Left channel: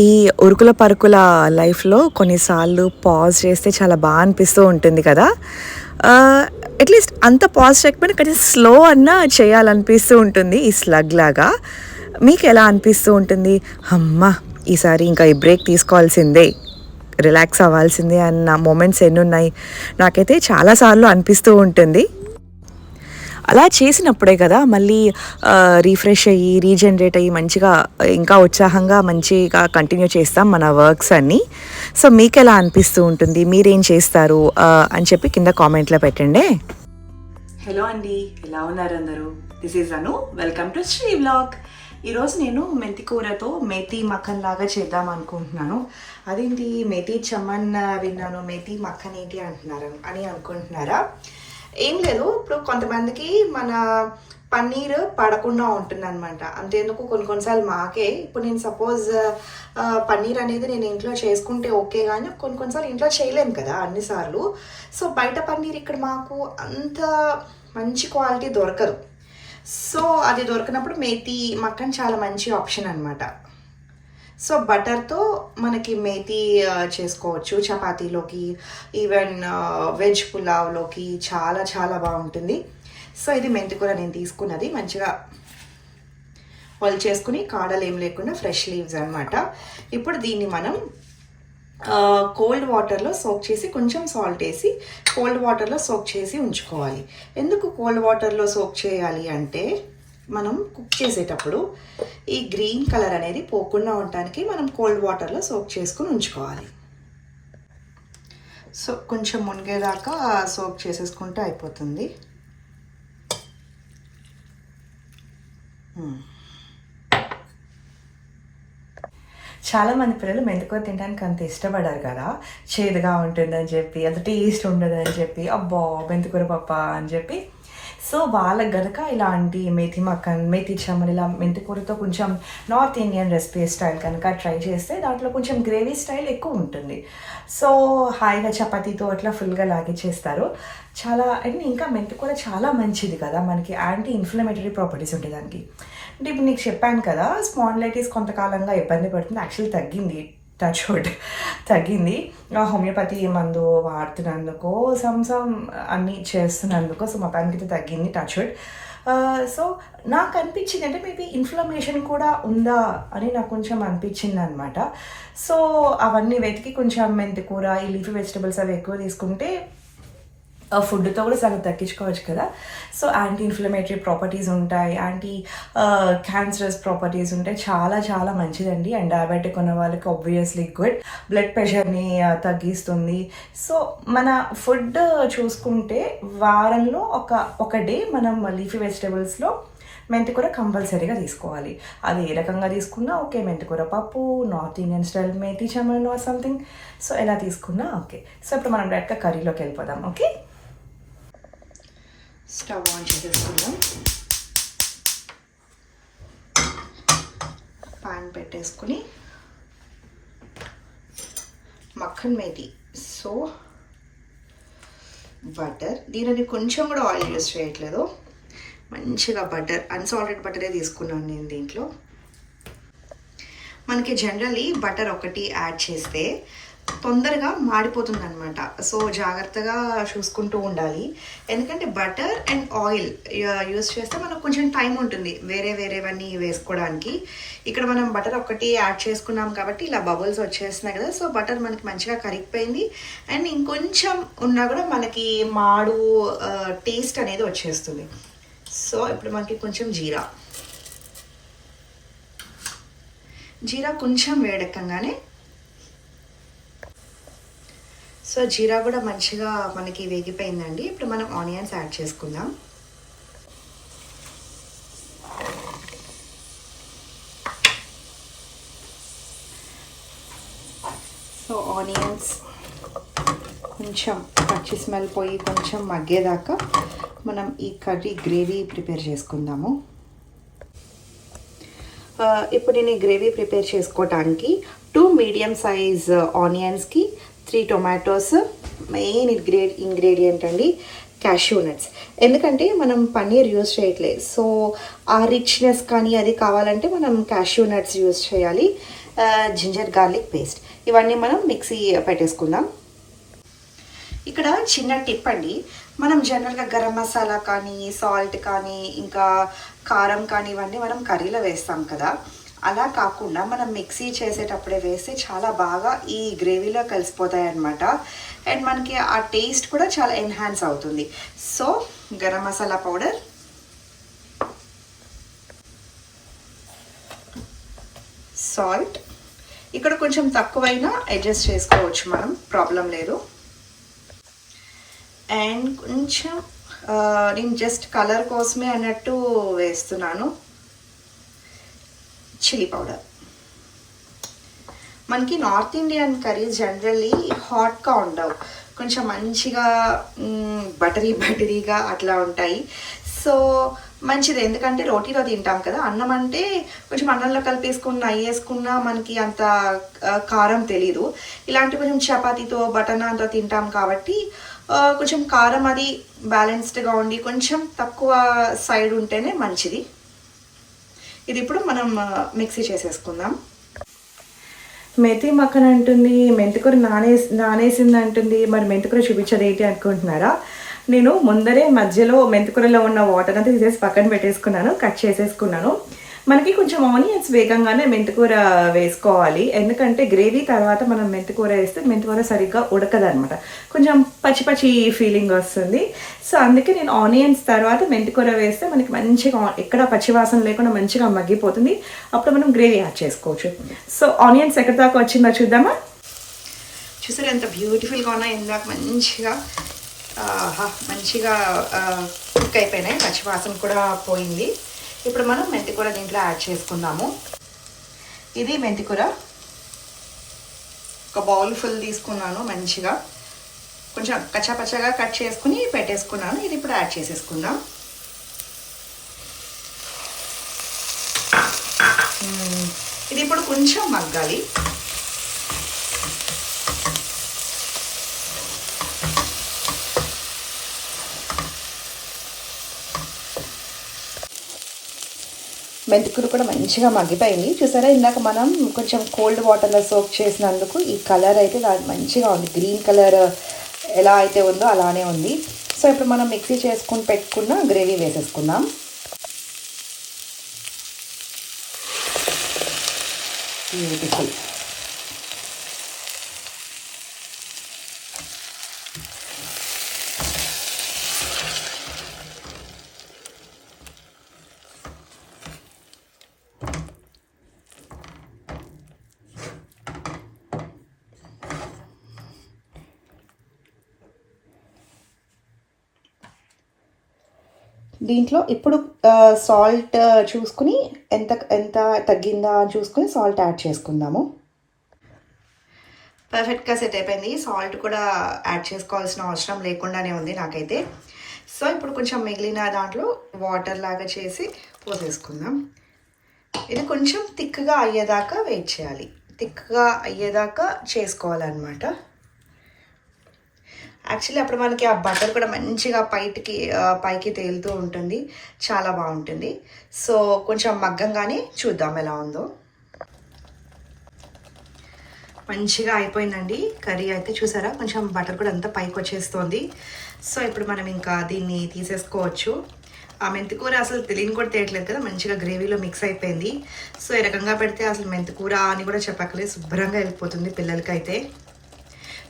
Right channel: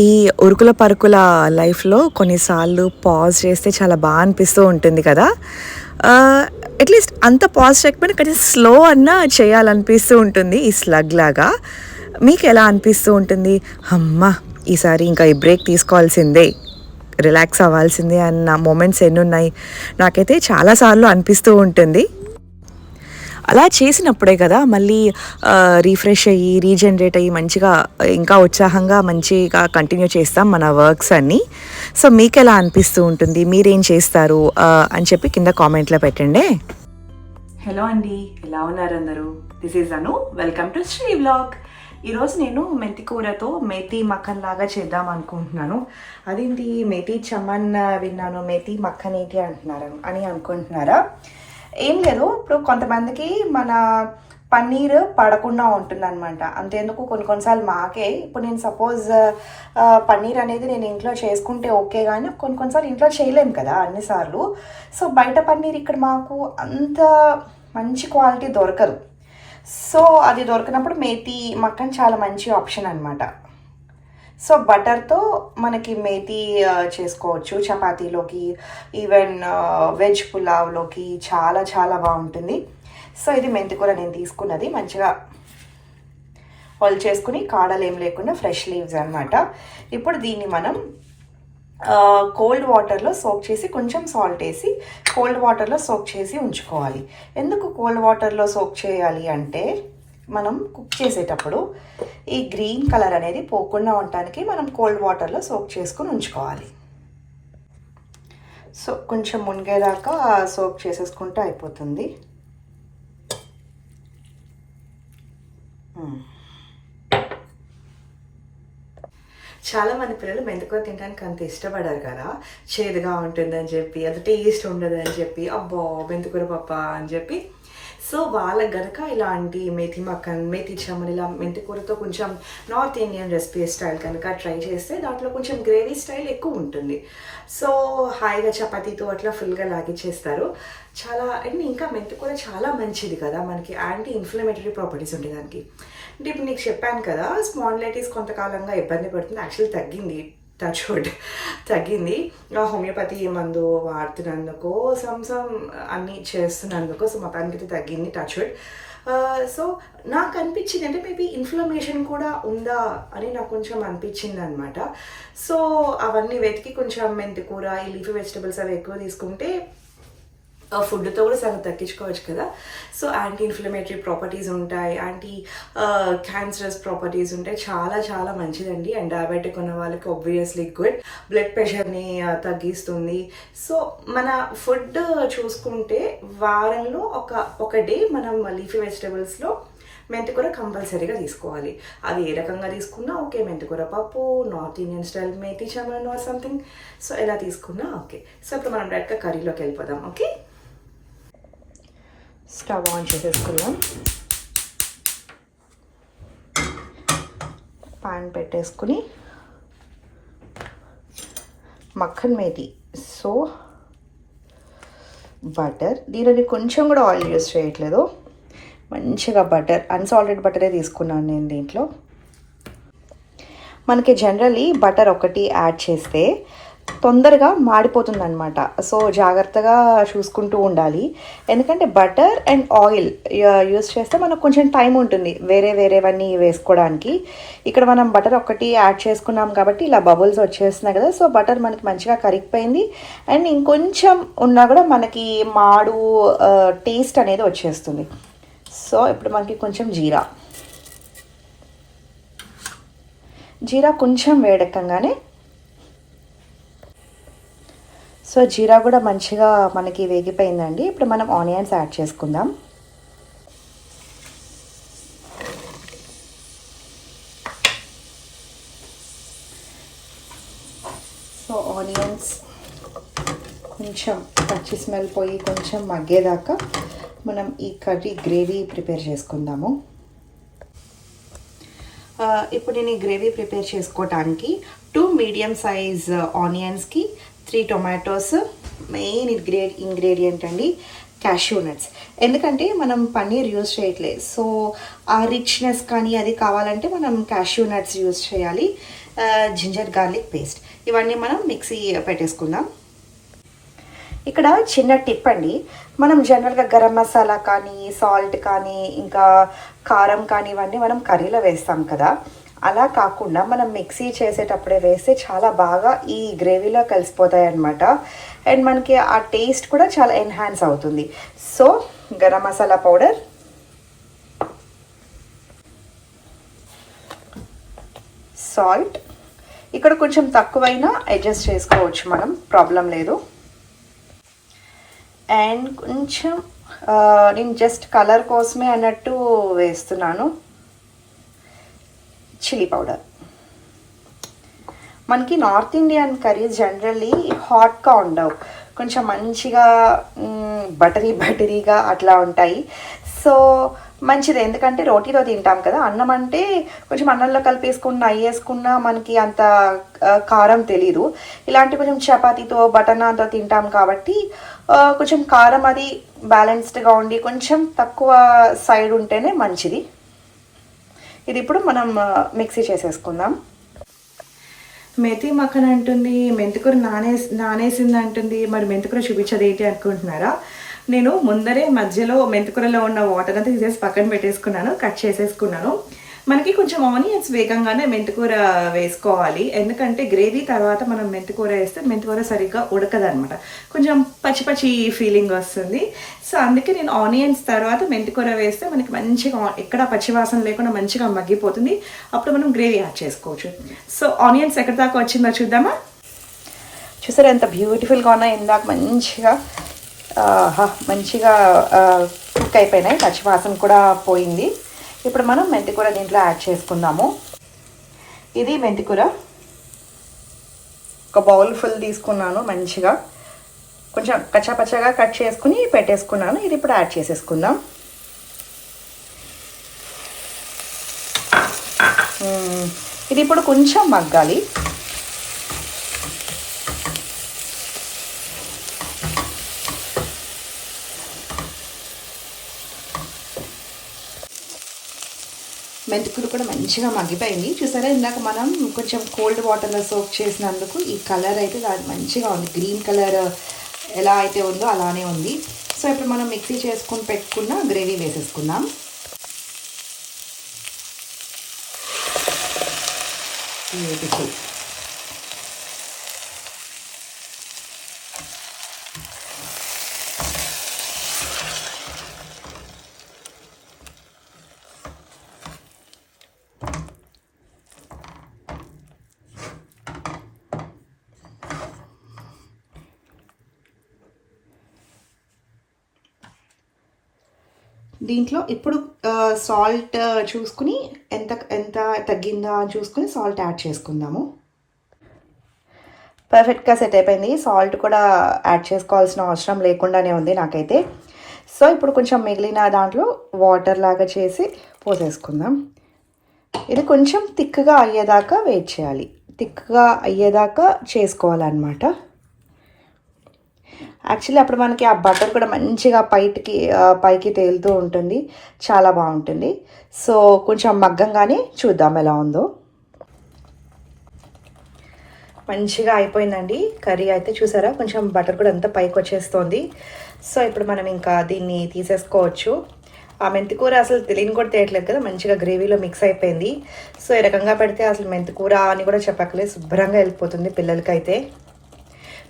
ఈ ఉరుకుల పరుకుల లైఫ్లో కొన్నిసార్లు పాజ్ చేస్తే చాలా బాగా అనిపిస్తూ ఉంటుంది కదా. అట్లీస్ట్ అంత పాజ్ చేయకపోయినా కొంచెం స్లో అన్నా చేయాలనిపిస్తూ ఉంటుంది ఈ స్లగ్ లాగా. మీకు ఎలా అనిపిస్తూ ఉంటుంది? అమ్మ, ఈసారి ఇంకా ఈ బ్రేక్ తీసుకోవాల్సిందే, రిలాక్స్ అవ్వాల్సిందే అన్న మూమెంట్స్ ఎన్నున్నాయి? నాకైతే చాలాసార్లు అనిపిస్తూ ఉంటుంది. అలా చేసినప్పుడే కదా మళ్ళీ రీఫ్రెష్ అయ్యి రీజనరేట్ అయ్యి మంచిగా ఇంకా ఉత్సాహంగా మంచిగా కంటిన్యూ చేస్తాం మన వర్క్స్ అన్నీ. సో మీకు ఎలా అనిపిస్తూ ఉంటుంది, మీరేం చేస్తారు అని చెప్పి కింద కామెంట్లో పెట్టండి. హలో అండి, ఎలా ఉన్నారు అందరూ? This is Anu, welcome to Sri vlog. ఈరోజు నేను మెంతి కూరతో మేతి మక్కన్ లాగా చేద్దాం అనుకుంటున్నాను. అదేంటి మేతి చమన్ విన్నాను, మేతి మక్కన్ ఏంటి అని అనుకుంటున్నారా? ఏం లేదు, ఇప్పుడు కొంతమందికి మన పన్నీర్ పడకుండా ఉంటుంది అనమాట. అంతేందుకు కొన్నిసార్లు మాకే, ఇప్పుడు నేను సపోజ్ పన్నీర్ అనేది నేను ఇంట్లో చేసుకుంటే ఓకే, కానీ కొన్నిసార్లు ఇంట్లో చేయలేము కదా అన్నిసార్లు. సో బయట పన్నీర్ ఇక్కడ మాకు అంత మంచి క్వాలిటీ దొరకదు. సో అది దొరికినప్పుడు మేతి మక్కన్ చాలా మంచి ఆప్షన్ అనమాట. సో బటర్తో మనకి మేతి చేసుకోవచ్చు చపాతీలోకి, ఈవెన్ వెజ్ పులావ్లోకి చాలా చాలా బాగుంటుంది. సో ఇది మెంతి కూర నేను తీసుకున్నది, మంచిగా హోల్ చేసుకుని కాడలు ఏం లేకుండా ఫ్రెష్ లీవ్స్ అనమాట. ఇప్పుడు దీన్ని మనం కోల్డ్ వాటర్లో సోక్ చేసి, కొంచెం సాల్ట్ వేసి కోల్డ్ వాటర్లో సోక్ చేసి ఉంచుకోవాలి. ఎందుకు కోల్డ్ వాటర్లో సోక్ చేయాలి అంటే, మనం కుక్ చేసేటప్పుడు ఈ గ్రీన్ కలర్ అనేది పోకుండా ఉండటానికి మనం కోల్డ్ వాటర్లో సోక్ చేసుకుని ఉంచుకోవాలి. సో కొంచెం మునిగేదాకా సోక్ చేసేసుకుంటే అయిపోతుంది. చాలామంది పిల్లలు మెంతికూర తినడానికి అంత ఇష్టపడారు కదా, చేదుగా ఉంటుందని చెప్పి, అంత టేస్ట్ ఉండదని చెప్పి, అబ్బా మెంతికూర పప్ప అని చెప్పి. సో వాళ్ళకి గనక ఇలాంటి మేతి మక్కన్, మేతి చమన్, ఇలా మెంతికూరతో కొంచెం నార్త్ ఇండియన్ రెసిపీ స్టైల్ కనుక ట్రై చేస్తే దాంట్లో కొంచెం గ్రేవీ స్టైల్ ఎక్కువ ఉంటుంది. సో హాయిగా చపాతీతో అట్లా ఫుల్గా లాగిచ్చేస్తారు. చాలా అండ్ ఇంకా మెంతికూర చాలా మంచిది కదా, మనకి యాంటీ ఇన్ఫ్లమేటరీ ప్రాపర్టీస్ ఉంటాయి దానికి. అంటే ఇప్పుడు నీకు చెప్పాను కదా, స్పాండిలైటిస్ కొంతకాలంగా ఇబ్బంది పడుతుంది. యాక్చువల్లీ తగ్గింది, టచ్ వుడ్ తగ్గింది. హోమియోపతి మందు వాడుతున్నందుకు, సమ్ అన్నీ చేస్తున్నందుకు, సో మొత్తానికి తగ్గింది, టచ్ వుడ్. సో నాకు అనిపించింది అంటే మేబీ ఇన్ఫ్లమేషన్ కూడా ఉందా అని నాకు కొంచెం అనిపించింది అనమాట. సో అవన్నీ వెతికి కొంచెం మెంతికూర, ఈ లీఫీ వెజిటబుల్స్ అవి ఎక్కువ తీసుకుంటే ఫుడ్తో కూడా సగం తగ్గించుకోవచ్చు కదా. సో యాంటీ ఇన్ఫ్లమేటరీ ప్రాపర్టీస్ ఉంటాయి, యాంటీ క్యాన్సరస్ ప్రాపర్టీస్ ఉంటాయి, చాలా చాలా మంచిదండి. అండ్ డయాబెటిక్ ఉన్న వాళ్ళకి ఆబ్వియస్లీ గుడ్, బ్లడ్ ప్రెషర్ని తగ్గిస్తుంది. సో మన ఫుడ్ చూసుకుంటే వారంలో ఒక డే మనం లీఫీ వెజిటబుల్స్లో మెంతికూర కంపల్సరీగా తీసుకోవాలి. అది ఏ రకంగా తీసుకున్నా ఓకే, మెంతికూర పప్పు, north Indian style methi chaman or something, so ఎలా తీసుకున్నా ఓకే. సో ఇప్పుడు మనం డైరెక్ట్గా కర్రీలోకి వెళ్ళిపోదాం. ఓకే, స్టవ్ ఆన్ చేసేసుకుందాం, పాన్ పెట్టేసుకుని మక్కన్ మేతి, సో బటర్, దీనిని కొంచెం కూడా ఆయిల్ యూజ్ చేయట్లేదు, మంచిగా బటర్, అన్సాల్టెడ్ బటరే తీసుకున్నాను నేను. దీంట్లో మనకి జనరల్లీ బటర్ ఒకటి యాడ్ చేస్తే తొందరగా మాడిపోతుంది అనమాట. సో జాగ్రత్తగా చూసుకుంటూ ఉండాలి, ఎందుకంటే బటర్ అండ్ ఆయిల్ యూస్ చేస్తే మనకు కొంచెం టైం ఉంటుంది వేరేవన్నీ వేసుకోవడానికి. ఇక్కడ మనం బటర్ ఒకటి యాడ్ చేసుకున్నాం కాబట్టి ఇలా బబుల్స్ వచ్చేస్తున్నాయి కదా. సో బటర్ మనకి మంచిగా కరిగిపోయింది, అండ్ ఇంకొంచెం ఉన్నా కూడా మనకి మాడు టేస్ట్ అనేది వచ్చేస్తుంది. సో ఇప్పుడు మనకి కొంచెం జీరా కొంచెం వేడెక్కగానే, సో జీరా కూడా మంచిగా మనకి వేగిపోయిందండి. ఇప్పుడు మనం ఆనియన్స్ యాడ్ చేసుకుందాం. సో ఆనియన్స్ కొంచెం పచ్చి స్మెల్ పోయి కొంచెం మగ్గేదాకా మనం ఈ కర్రీ గ్రేవీ ప్రిపేర్ చేసుకుందాము. ఇప్పుడు నేను ఈ గ్రేవీ ప్రిపేర్ చేసుకోవటానికి 2 మీడియం సైజ్ ఆనియన్స్కి 3 టొమాటోస్, మెయిన్ ఇంగ్రీడియంట్ అండి క్యాష్యూ నట్స్. ఎందుకంటే మనం పన్నీర్ యూజ్ చేయట్లేదు, సో ఆ రిచ్నెస్ కానీ అది కావాలంటే మనం క్యాష్యూ నట్స్ యూజ్ చేయాలి. Ginger garlic paste. ఇవన్నీ మనం మిక్సీ పెట్టేసుకుందాం. ఇక్కడ చిన్న టిప్ అండి, మనం జనరల్గా గరం మసాలా కానీ, సాల్ట్ కానీ, ఇంకా కారం కానీ ఇవన్నీ మనం కర్రీలో వేస్తాం కదా, అలా కాకుండా మనం మిక్సీ చేసేటప్పుడే వేస్తే చాలా బాగా ఈ గ్రేవీలో కలిసిపోతాయి అన్నమాట. అండ్ మనకి ఆ టేస్ట్ కూడా చాలా ఎన్హాన్స్ అవుతుంది. So garam masala powder, salt ఇక్కడ కొంచెం తక్కువైనా అడ్జస్ట్ చేసుకోవచ్చు మనం, ప్రాబ్లం లేదు. అండ్ కొంచెం నేను జస్ట్ కలర్ కోసమే అన్నట్టు వేస్తున్నాను చిల్లీ పౌడర్. మనకి నార్త్ ఇండియన్ కర్రీస్ జనరల్లీ హాట్గా ఉండవు, కొంచెం మంచిగా బటరీగా అట్లా ఉంటాయి. సో మంచిది, ఎందుకంటే రోటీలో తింటాం కదా, అన్నం అంటే కొంచెం అన్నంలో కలిపేసుకున్న వేసుకున్నా మనకి అంత కారం తెలీదు. ఇలాంటి కొంచెం చపాతీతో బటర్ నాన్తో తింటాం కాబట్టి కొంచెం కారం అది బ్యాలెన్స్డ్గా ఉండి కొంచెం తక్కువ సైడ్ ఉంటేనే మంచిది. ఇది ఇప్పుడు మనం మిక్సీ చేసేసుకుందాం. మెథీ మక్కన్ అంటుంది, మెంతికూర నానేసింది అంటుంది. మరి మెంతికూర చూపించేది ఏంటి అనుకుంటున్నారా? నేను ముందరే మధ్యలో మెంతికూరలో ఉన్న వాటర్ అంతా తీసేసి పక్కన పెట్టేసుకున్నాను, కట్ చేసేసుకున్నాను. మనకి కొంచెం ఆనియన్స్ వేగంగానే మెంతికూర వేసుకోవాలి, ఎందుకంటే గ్రేవీ తర్వాత మనం మెంతికూర వేస్తే మెంతికూర సరిగ్గా ఉడకదనమాట, కొంచెం పచ్చి ఫీలింగ్ వస్తుంది. సో అందుకే నేను ఆనియన్స్ తర్వాత మెంతికూర వేస్తే మనకి మంచిగా ఎక్కడ పచ్చివాసన లేకుండా మంచిగా మగ్గిపోతుంది. అప్పుడు మనం గ్రేవీ యాడ్ చేసుకోవచ్చు. సో ఆనియన్స్ ఎక్కడి దాకా వచ్చిందో చూద్దామా? చూసారా ఎంత బ్యూటిఫుల్గా ఉన్నాయి, ఇందాక మంచిగా కుక్ అయిపోయినాయి, పచ్చివాసన కూడా పోయింది. ఇప్పుడు మనం మెంతికూర దీంట్లో యాడ్ చేసుకుందాము. ఇది మెంతికూర ఒక బౌల్ ఫుల్ తీసుకున్నాను, మంచిగా కొంచెం కచ్చాపచ్చగా కట్ చేసుకుని పెట్టేసుకున్నాను. ఇది ఇప్పుడు యాడ్ చేసేసుకుందాం. ఇది ఇప్పుడు కొంచెం మగ్గాలి. మెంతికూర కూడా మంచిగా మగ్గిపోయింది. చూసారా, ఇందాక మనం కొంచెం కోల్డ్ వాటర్లో సోక్ చేసినందుకు ఈ కలర్ అయితే మంచిగా ఉంది, గ్రీన్ కలర్ ఎలా అయితే ఉందో అలానే ఉంది. సో ఇప్పుడు మనం మిక్సీ చేసుకుని పెట్టుకున్న గ్రేవీ వేసేసుకుందాం. బ్యూటిఫుల్. దీంట్లో ఇప్పుడు సాల్ట్ చూసుకుని ఎంత తగ్గిందా అని చూసుకుని సాల్ట్ యాడ్ చేసుకుందాము. పర్ఫెక్ట్గా సెట్ అయిపోయింది. సాల్ట్ కూడా యాడ్ చేసుకోవాల్సిన అవసరం లేకుండానే ఉంది నాకైతే. సో ఇప్పుడు కొంచెం మిగిలిన దాంట్లో వాటర్ లాగా చేసి పోసేసుకుందాం. ఇది కొంచెం థిక్గా అయ్యేదాకా వెయిట్ చేయాలి, థిక్గా అయ్యేదాకా చేసుకోవాలన్నమాట. యాక్చువల్లీ అప్పుడు మనకి ఆ బటర్ కూడా మంచిగా పైకి తేలుతూ ఉంటుంది, చాలా బాగుంటుంది. సో కొంచెం మగ్గంగానే చూద్దాం ఎలా ఉందో. మంచిగా అయిపోయిందండి కర్రీ అయితే. చూసారా, కొంచెం బటర్ కూడా అంతా పైకి వచ్చేస్తుంది. సో ఇప్పుడు మనం ఇంకా దీన్ని తీసేసుకోవచ్చు. ఆ మెంతికూర అసలు తెలియని కూడా తెలియట్లేదు కదా, మంచిగా గ్రేవీలో మిక్స్ అయిపోయింది. సో ఈ రకంగా పెడితే అసలు మెంతికూర అని కూడా చెప్పక్కలేదు, శుభ్రంగా వెళ్ళిపోతుంది పిల్లలకైతే.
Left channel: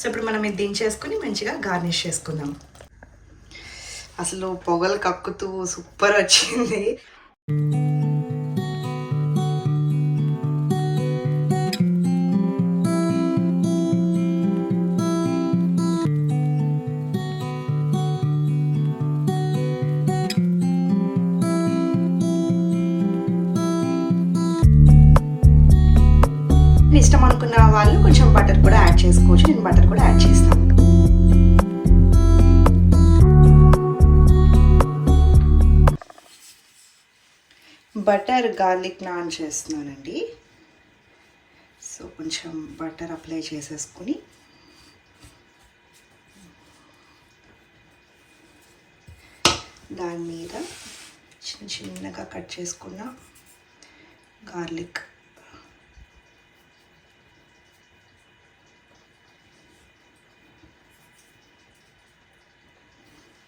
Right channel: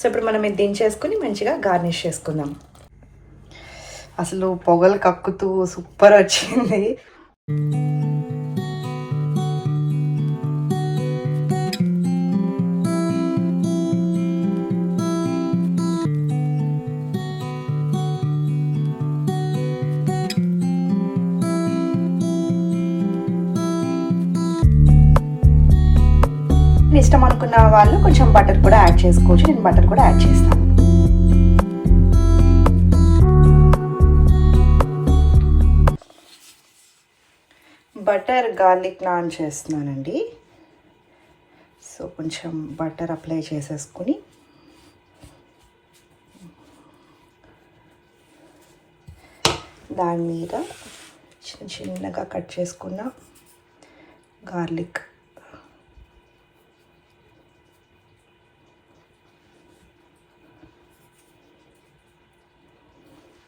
సో ఇప్పుడు మనం ఇది దించేసుకుని మంచిగా గార్నిష్ చేసుకుందాం. అసలు పొగలు కక్కుతూ సూపర్ వచ్చింది. ఇష్టం అనుకున్న వాళ్ళు కొంచెం బటర్ కూడా యాడ్ చేసుకోవచ్చు. నేను బటర్ కూడా యాడ్ చేస్తాను. బటర్ గార్లిక్ నాన్ చేస్తున్నానండి. సో కొంచెం బటర్ అప్లై చేసేసుకుని దాని మీద చిన్నగా కట్ చేసుకున్న గార్లిక్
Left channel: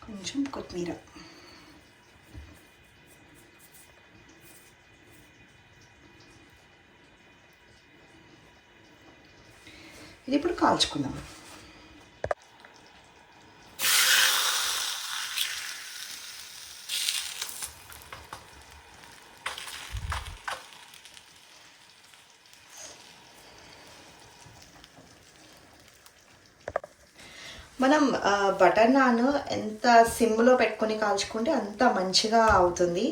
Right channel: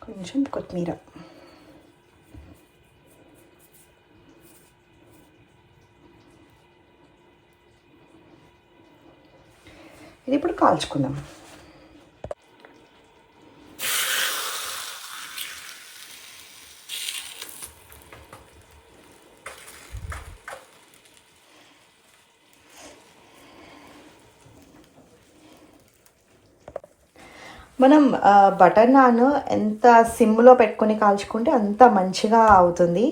కొంచెం కొత్తిమీర. ఇది ఇప్పుడు కాల్చుకుందాం. మనం బటర్ నాన్ ఎంత సిమ్లో పెట్టుకొని కాల్చుకుంటే అంత మంచిగా అవుతుంది.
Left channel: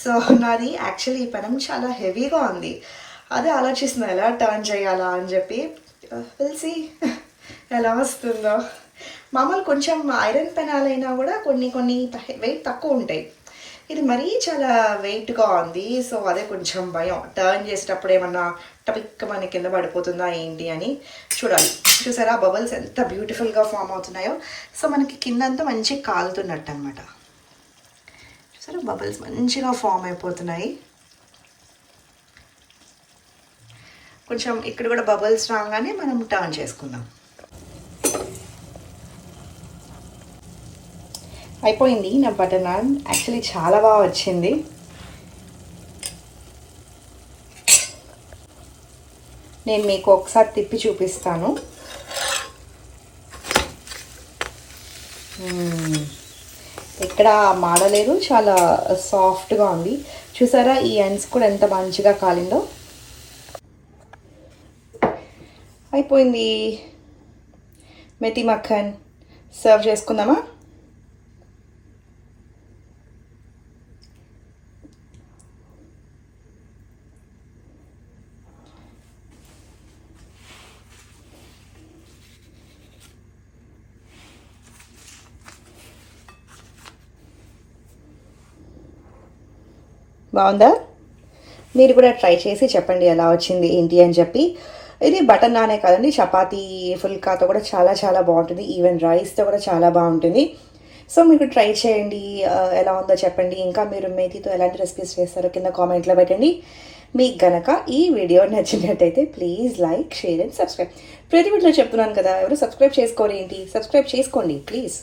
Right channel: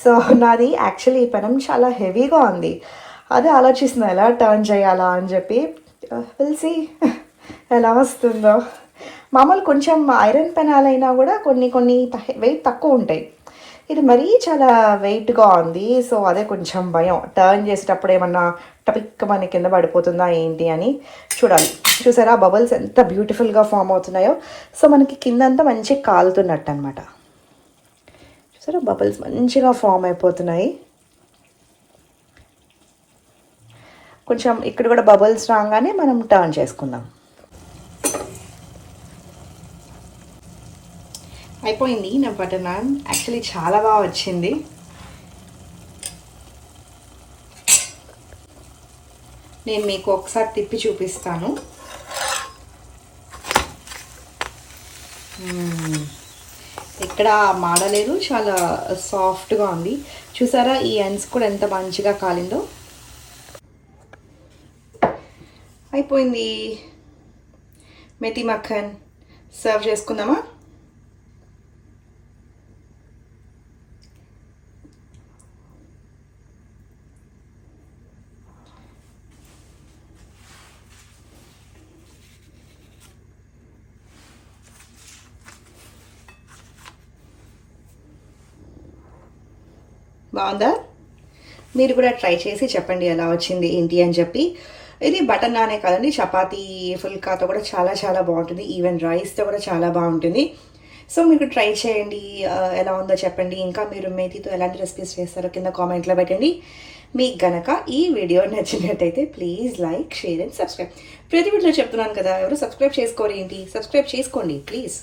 సో నాది యాక్చువల్లీ ఈ పెనం చాలా హెవీగా ఉంది. అదే ఆలోచిస్తున్నా ఎలా టర్న్ చేయాలా అని చెప్పి. తెలిసి ఎలా వస్తుందో. మామూలు కొంచెం ఐరన్ పెనాలైనా కూడా కొన్ని వెయిట్ తక్కువ ఉంటాయి. ఇది మరీ చాలా వెయిట్గా ఉంది. సో అదే కొంచెం భయం, టర్న్ చేసేటప్పుడు ఏమన్నా టపిక్ మన కింద పడిపోతుందా ఏంటి అని చూడాలి. చూసారా బబుల్స్ ఎంత బ్యూటిఫుల్గా ఫామ్ అవుతున్నాయో. సో మనకి కిందంతా మంచిగా కాలుతున్నట్టు అనమాట. చూసారా బబుల్స్ మంచిగా ఫామ్ అయిపోతున్నాయి. కొంచెం ఇక్కడ కూడా బబుల్స్ రాగానే మనం టర్న్ చేసుకుందాం. అయిపోయింది నా బటర్ నాన్. యాక్చువల్లీ చాలా బాగా వచ్చింది. నేను మీకు ఒకసారి తిప్పి చూపిస్తాను. ఎక్కడ మాడలేదు, చాలా సాఫ్ట్గా ఉంది. చూసారా ఈ ఎండ్స్ కూడా ఎంత మంచిగా కాలిందో. అయిపోయింది. మెతి మక్కన్ సర్వ్ చేసుకుందామా? బాగుందా? మీరు కూడా ట్రై చేసి చెప్పండి ఎలా వచ్చింది ఏంటి అని చెప్పి. ఇది బటర్ నానే కాదండి, చపాతీ ఫుల్కాతో కూడా చాలా చాలా బాగుంటుంది. ఈవెన్ రైస్తో కూడా చాలా బాగుంటుంది. సో మీరు ట్రై చేయండి, ఎలా ఉందో చెప్పండి. ఇంకా మీరు మేతితో ఎలాంటి రెసిపీస్ చేస్తారో కింద కామెంట్లో పెట్టండి. మీకు గనక ఈ వీడియో నచ్చినట్టయితే please like, share and subscribe. ప్రతి వీడియోలో చెప్తున్నాను కదా, ఎవరు సబ్స్క్రైబ్ చేసుకోరు ఏంటి? సబ్స్క్రైబ్ చేసుకోండి ప్లీజ్.